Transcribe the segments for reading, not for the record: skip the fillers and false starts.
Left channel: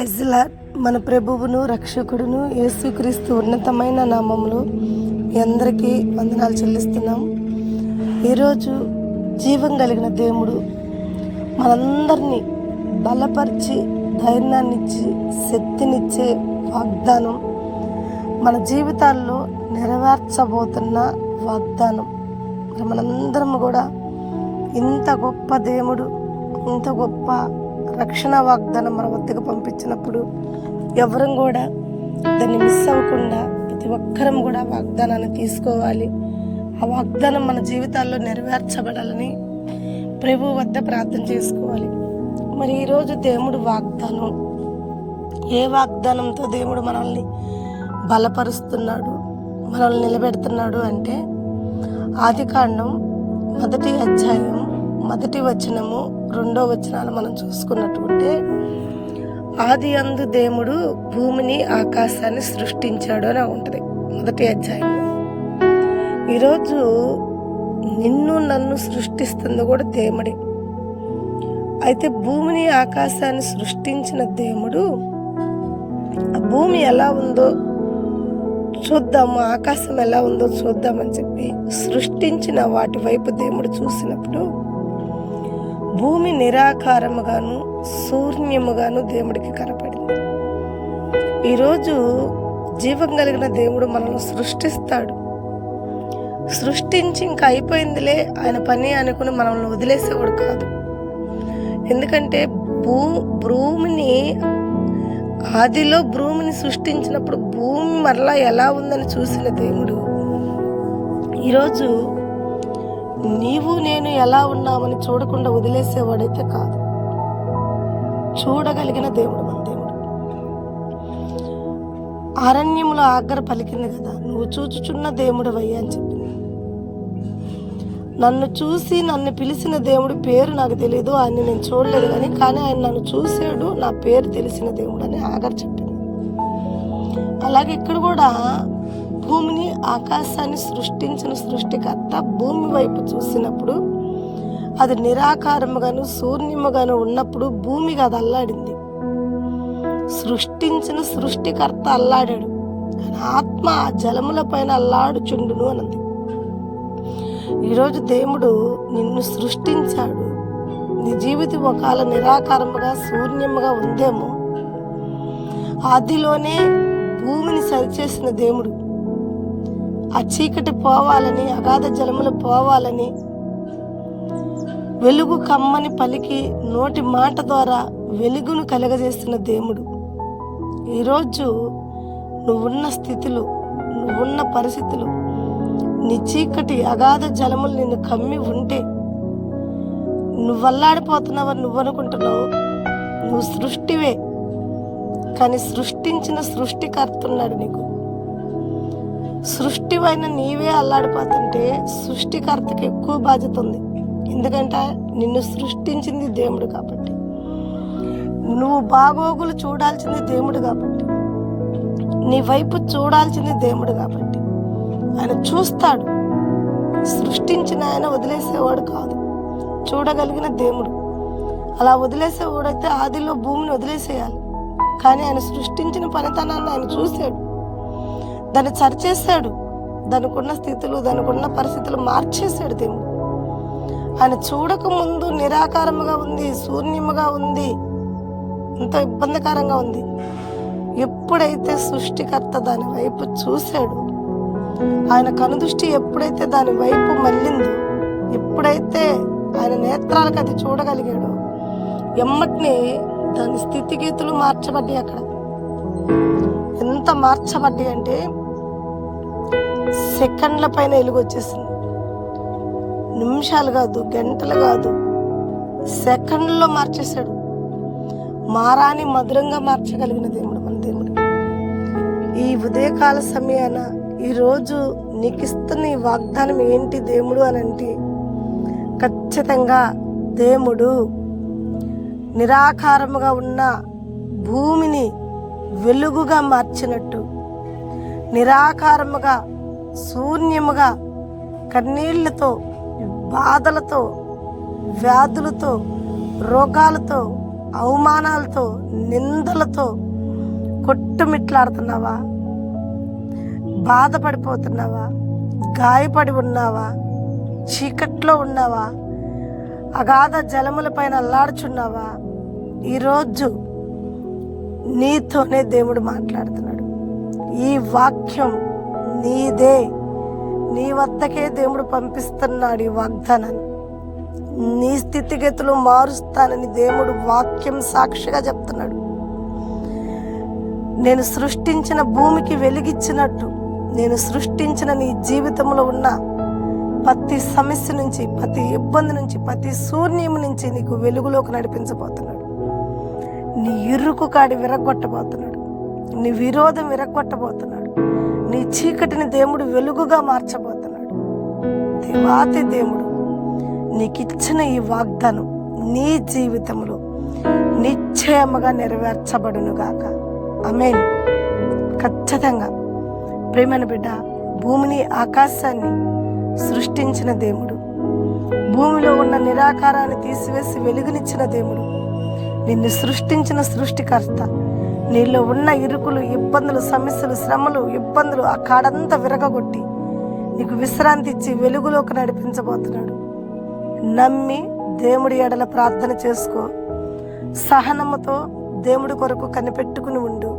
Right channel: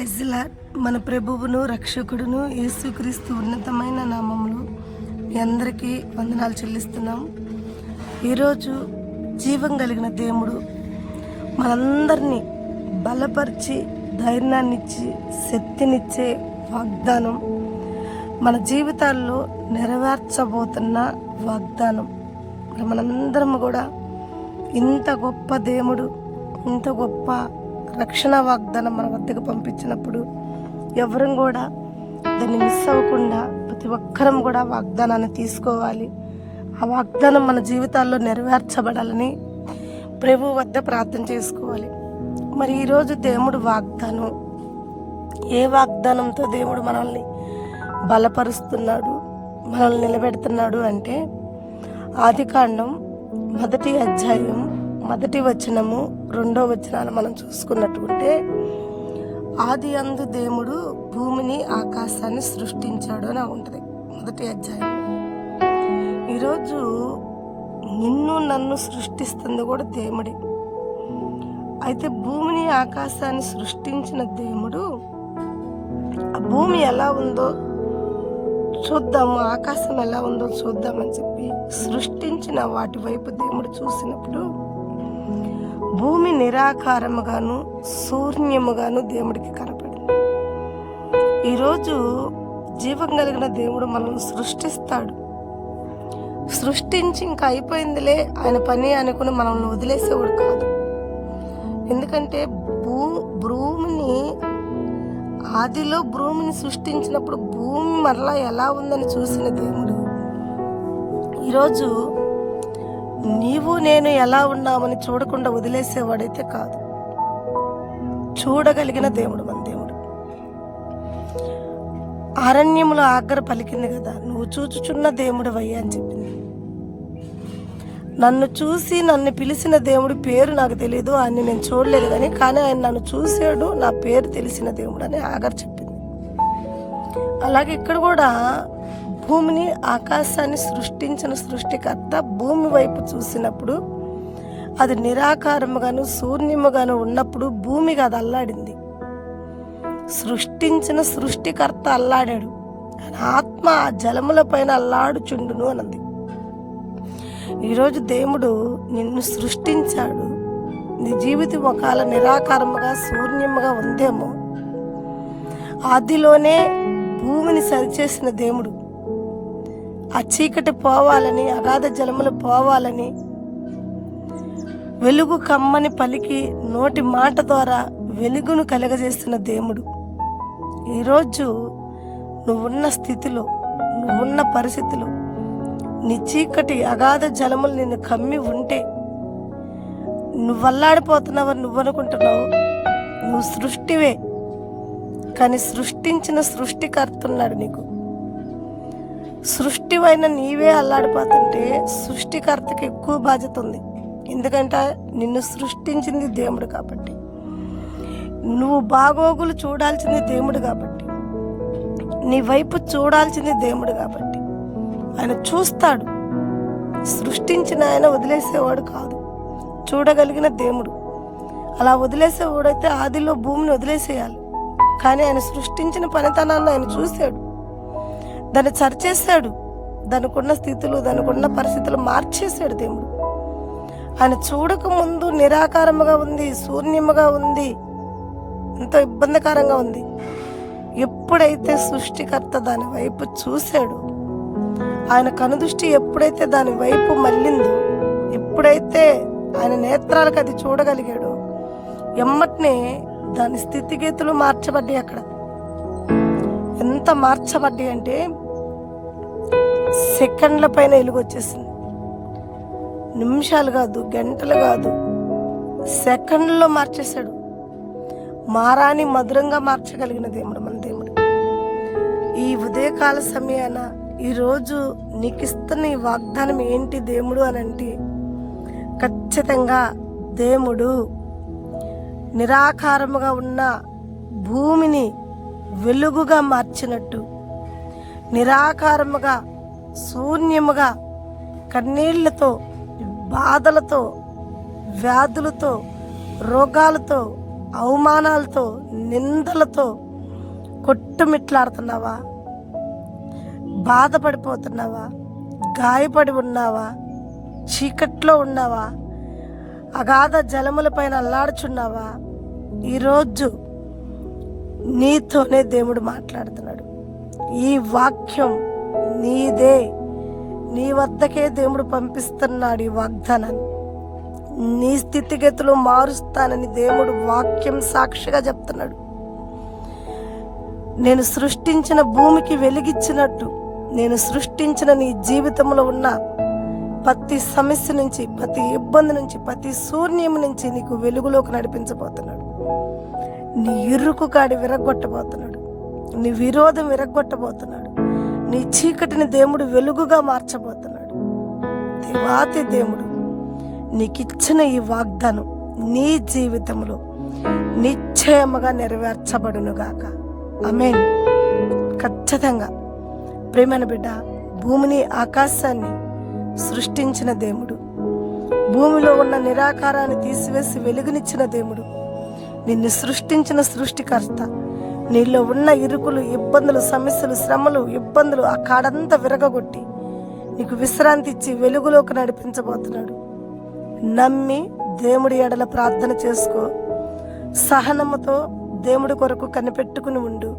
Praise the lord. మన ప్రభువును రక్షకుడును యేసుక్రీస్తు ఉన్నతమైన నామములో మీ అందరికీ వందనాలు చెల్లిస్తున్నాం. ఈరోజు జీవం కలిగిన దేవుడు మనందరినీ బలపరిచి ధైర్యాన్నిచ్చి శక్తినిచ్చే వాగ్దానం, మన జీవితాల్లో నెరవేర్చబోతున్న వాగ్దానం. మనందరం కూడా ఇంత గొప్ప దేవుడు, ఇంత గొప్ప రక్షణ వాగ్దానం మన వద్దకు పంపించినప్పుడు ఎవరం కూడా దాన్ని మిస్ అవ్వకుండా ప్రతి ఒక్కరం కూడా వాగ్దానాన్ని తీసుకోవాలి. ఆ వాగ్దానం మన జీవితాల్లో నెరవేర్చబడాలని ప్రభు వద్ద ప్రార్థన చేసుకోవాలి. మరి ఈరోజు దేవుడు వాగ్దానం, ఏ వాగ్దానంతో దేవుడు మనల్ని బలపరుస్తున్నాడు, మనల్ని నిలబెడుతున్నాడు అంటే ఆదికాండం 1వ అధ్యాయం 1వ వచనము 2వ వచనాలు మనం చూసుకున్నట్టుంటే, ఆది అందు దేవుడు భూమిని ఆకాశాన్ని సృష్టించాడు అని ఉంటుంది 1వ అధ్యాయంలో. ఈరోజు నిన్ను నన్ను సృష్టిస్తుంది కూడా దేవుడే. అయితే భూమిని ఆకాశాన్ని సృష్టించిన దేవుడు ఆ భూమి ఎలా ఉందో చూద్దాము, ఆకాశం ఎలా ఉందో చూద్దామని చెప్పి సృష్టించిన వాటి వైపు దేవుడు చూసినప్పుడు భూమి నిరాకారముగాను శూన్యముగాను దేవుడికి కనపడింది. ఈరోజు జీవం కలిగిన దేవుడు మనల్ని సృష్టిస్తాడు. సృష్టించి ఇంకా అయిపోయిందిలే ఆయన పని అనుకుని మనల్ని వదిలేసేవాడు కాదు. ఎందుకంటే భూమిని ఆదిలో భూమిని సృష్టించినప్పుడు భూమి మరలా ఎలా ఉందని చూసిన దేవుడు ఈరోజు నీవు నేను ఎలా ఉన్నామని చూడకుండా వదిలేసేవాడైతే కాదు. చూడగలిగిన దేవుడు మన దేవుడు. అరణ్యములో ఆగ్ర పలికింది కదా, నువ్వు చూచుచున్న దేవుడు అయ్యా అని చెప్పింది. నన్ను చూసి నన్ను పిలిచిన దేవుడి పేరు నాకు తెలియదు, ఆయన్ని నేను చూడలేదు కానీ ఆయన నన్ను చూశాడు, నా పేరు తెలిసిన దేవుడు అని ఆగర్ చెప్పింది. అలాగే ఇక్కడ కూడా భూమిని ఆకాశాన్ని సృష్టించిన సృష్టికర్త భూమి వైపు చూసినప్పుడు అది నిరాకారముగాను శూన్యముగాను ఉన్నప్పుడు భూమికి అది అల్లాడింది. సృష్టించిన సృష్టికర్త అల్లాడాడు, ఆత్మ ఆ జలముల పైన అల్లాడుచుండును అన్నది. ఈరోజు దేవుడు నిన్ను సృష్టించాడు. నీ జీవితం ఒకవేళ నిరాకారముగా శూన్యముగా ఉందేమో, ఆదిలోనే భూమిని సరిచేసిన దేవుడు ఆ చీకటి పోవాలని, అగాధ జలములు పోవాలని వెలుగు కమ్మని పలికి నోటి మాట ద్వారా వెలుగును కలగజేస్తున్న దేవుడు. ఈరోజు నువ్వున్న స్థితిలో, నువ్వున్న పరిస్థితిలో నీ చీకటి అగాధ జలములు నిన్ను కమ్మి ఉంటే నువ్వు అల్లాడిపోతున్నావని నువ్వు అనుకుంటున్నావు. నువ్వు సృష్టివే, కానీ సృష్టించిన సృష్టికర్త ఉన్నాడు నీకు. సృష్టివైన నీవే అల్లాడిపోతుంటే సృష్టికర్తకి ఎక్కువ బాధ్యత ఉంది. ఎందుకంటే నిన్ను సృష్టించింది దేవుడు కాబట్టి, నువ్వు బాగోగులు చూడాల్సింది దేవుడు కాబట్టి, నీ వైపు చూడాల్సింది దేవుడు కాబట్టి ఆయన చూస్తాడు. సృష్టించిన ఆయన వదిలేసేవాడు కాదు, చూడగలిగిన దేవుడు. అలా వదిలేసేవాడైతే ఆదిలో భూమిని వదిలేసేయాలి, కానీ ఆయన సృష్టించిన పనితనాన్ని ఆయన చూశాడు, దాన్ని సరిచేశాడు, దానికి ఉన్న స్థితులు, దానికి ఉన్న పరిస్థితులు మార్చేశాడు దేవుడు. ఆయన చూడక ముందు నిరాకారముగా ఉంది, శూన్యముగా ఉంది, ఎంతో ఇబ్బందికరంగా ఉంది. ఎప్పుడైతే సృష్టికర్త దాని వైపు చూశాడు, ఆయన కనుదృష్టి ఎప్పుడైతే దాని వైపు మళ్ళిందో, ఎప్పుడైతే ఆయన నేత్రాలకు అది చూడగలిగాడో, ఎమ్మటనే దాని స్థితిగతులు మార్చబడ్డాయి. అక్కడ ఎంత మార్చబడ్డాయి అంటే సెకండ్ల పైన వెలుగు వచ్చేసింది. నిమిషాలు కాదు, గంటలు కాదు, సెకండ్లో మార్చేశాడు. మారాని మధురంగా మార్చగలిగిన దేవుడు మన దేవుడు. ఈ ఉదయకాల సమయాన ఈరోజు నీకు ఇస్తున్న ఈ వాగ్దానం ఏంటి దేవుడు అని అంటే, ఖచ్చితంగా దేవుడు నిరాకారముగా ఉన్న భూమిని వెలుగుగా మార్చినట్టు, నిరాకారముగా శూన్యముగా కన్నీళ్లతో బాధలతో వ్యాధులతో రోగాలతో అవమానాలతో, నిందలతో కొట్టుమిట్లాడుతున్నావా? బాధపడిపోతున్నావా? గాయపడి ఉన్నావా? చీకట్లో ఉన్నావా? అగాధ జలముల పైన అల్లాడుచున్నావా? ఈరోజు నీతోనే దేవుడు మాట్లాడుతున్నాడు. ఈ వాక్యం నీదే, నీ వద్దకే దేవుడు పంపిస్తున్నాడు. ఈ వాగ్దానాన్ని నీ స్థితిగతులు మారుస్తానని దేవుడు వాక్యం సాక్షిగా చెప్తున్నాడు. నేను సృష్టించిన భూమికి వెలిగిచ్చినట్టు, నేను సృష్టించిన నీ జీవితంలో ఉన్న ప్రతి సమస్య నుంచి, ప్రతి ఇబ్బంది నుంచి, ప్రతి శూన్యం నుంచి నీకు వెలుగులోకి నడిపించబోతున్నాడు. నీ ఇరుకు కాడి విరగొట్టబోతున్నాడు. నీ విరోధం విరగొట్టబోతున్నాడు. నీ చీకటిని దేవుడు వెలుగుగా మార్చబోతున్నాడు. దేవాతి దేవుడు నీకిచ్చిన ఈ వాగ్దానం నీ జీవితంలో నిశ్చయముగా నెరవేర్చబడునుగాక. ఆమేన్. ఖచ్చితంగా ప్రేమైన బిడ్డ, భూమిని ఆకాశాన్ని సృష్టించిన దేవుడు, భూమిలో ఉన్న నిరాకారాన్ని తీసివేసి వెలుగునిచ్చిన దేవుడు, నిన్ను సృష్టించిన సృష్టికర్త, నీలో ఉన్న ఇరుకులు, ఇబ్బందులు, సమస్యలు, శ్రమలు, ఇబ్బందులు ఆ కాడంతా విరగగొట్టి నీకు విశ్రాంతి ఇచ్చి వెలుగులోకి నడిపించబోతున్నాడు. నమ్మి దేవుడి ఎడల ప్రార్థన చేసుకో. సహనముతో దేవుడి కొరకు కనిపెట్టుకుని ఉండు.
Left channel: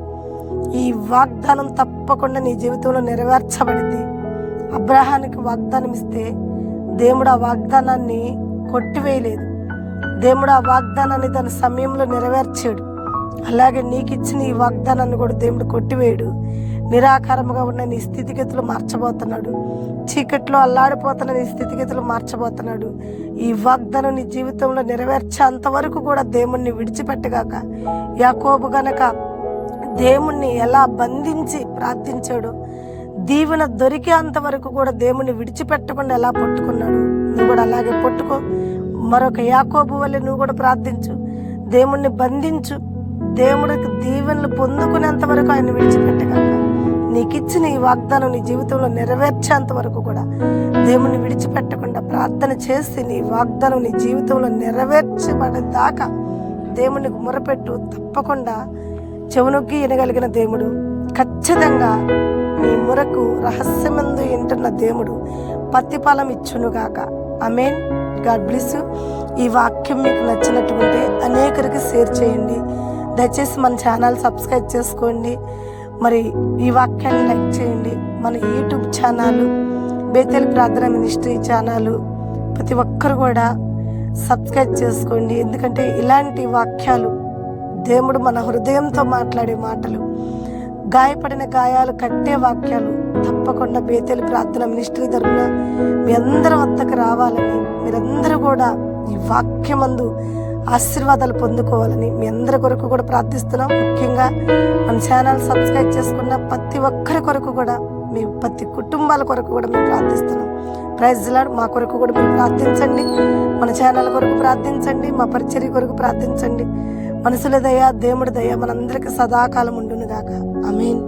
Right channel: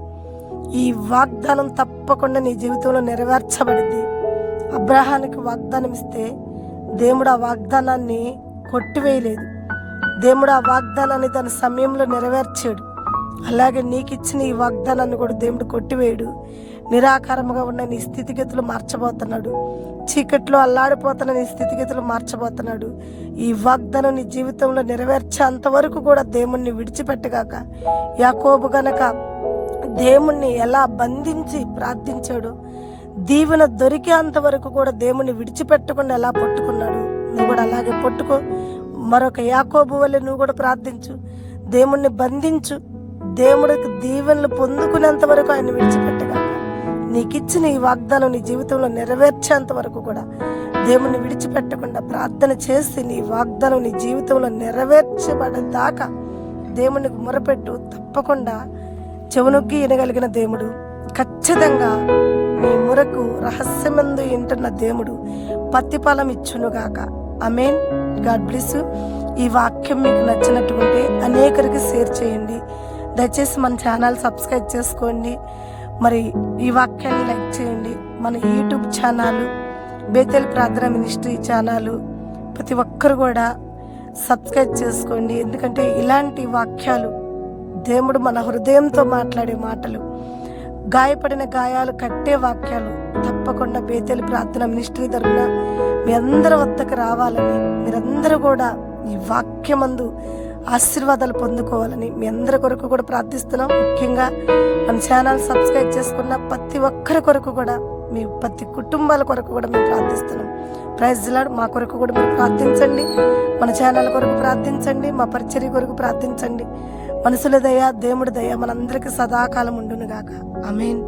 ఈ వాగ్దానం తప్పకుండా నీ జీవితంలో నెరవేర్చబడింది. అబ్రహానికి వాగ్దానం ఇస్తే దేవుడు ఆ వాగ్దానాన్ని కొట్టివేయలేదు. దేవుడు ఆ వాగ్దానాన్ని దాని సమయంలో నెరవేర్చాడు. అలాగే నీకు ఇచ్చిన ఈ వాగ్దానాన్ని కూడా దేవుడు కొట్టివేయడు. నిరాకారముగా ఉన్న నీ స్థితిగతులు మార్చబోతున్నాడు. చీకట్లో అల్లాడిపోతున్న నీ స్థితిగతులు మార్చబోతున్నాడు. ఈ వాగ్దానం నీ జీవితంలో నెరవేర్చేంత వరకు కూడా దేవుణ్ణి విడిచిపెట్టగాక. యాకోబు గనక దేవుణ్ణి ఎలా బంధించి ప్రార్థించాడు, దీవెన దొరికేంత వరకు కూడా దేవుణ్ణి విడిచిపెట్టకుండా ఎలా పట్టుకున్నాడు, నువ్వు కూడా అలాగే పట్టుకో. మరొక యాకోబు వల్లే నువ్వు కూడా ప్రార్థించు. దేవుణ్ణి బంధించు. దేవుడికి దీవెనలు పొందుకునేంత వరకు ఆయన విడిచిపెట్టగాక. నీకిచ్చిన ఈ వాగ్దానం నీ జీవితంలో నెరవేర్చేంత వరకు కూడా దేవుణ్ణి విడిచిపెట్టకుండా ప్రార్థన చేసి నీ వాగ్దానం నీ జీవితంలో నెరవేర్చబడేదాకా దేవునికి మొరపెట్టు. తప్పకుండా చెవునొగ్గి వినగలిగిన దేవుడు ఖచ్చితంగా నీ మొరకు రహస్యమందు వింటున్న దేవుడు ప్రతిఫలం ఇచ్చునుగాక. ఆమేన్. God bless you. ఈ వాక్యం మీకు నచ్చినట్టుంటే అనేకరికి షేర్ చేయండి. దయచేసి మన ఛానల్ సబ్స్క్రైబ్ చేసుకోండి. మరి ఈ వాక్యాన్ని లైక్ చేయండి. మన యూట్యూబ్ ఛానల్, బేతేల్ ప్రార్థన మినిస్ట్రీ ఛానల్ ప్రతి ఒక్కరు కూడా సబ్స్క్రైబ్ చేసుకోండి. ఎందుకంటే ఇలాంటి వాక్యాలు, దేవుడు మన హృదయంతో మాట్లాడే మాటలు, గాయపడిన గాయాలు కట్టే వాక్యాలు తప్పకుండా బేతేల్ ప్రార్థన మినిస్ట్రీ తరపున మీ అందరి వద్దకు రావాలని, మీరందరూ కూడా ఈ వాక్యమందు ఆశీర్వాదాలు పొందుకోవాలని మీ అందరి కొరకు కూడా ప్రార్థిస్తున్నాం. ముఖ్యంగా మన ఛానల్ సబ్స్క్రైబ్ చేసుకున్న ప్రతి ఒక్కరి కొరకు కూడా, మీ ప్రతి కుటుంబాల కొరకు కూడా మేము ప్రార్థిస్తున్నాం. Praise the lord. మా కొరకు కూడా మీరు ప్రార్థించండి. మన ఛానల్ కొరకు ప్రార్థించండి. మా పరిచర్య కొరకు ప్రార్థించండి. మనుషుల దయ, దేవుడి దయ మనందరికీ సదాకాలం ఉండును గాక. ఆమేన్.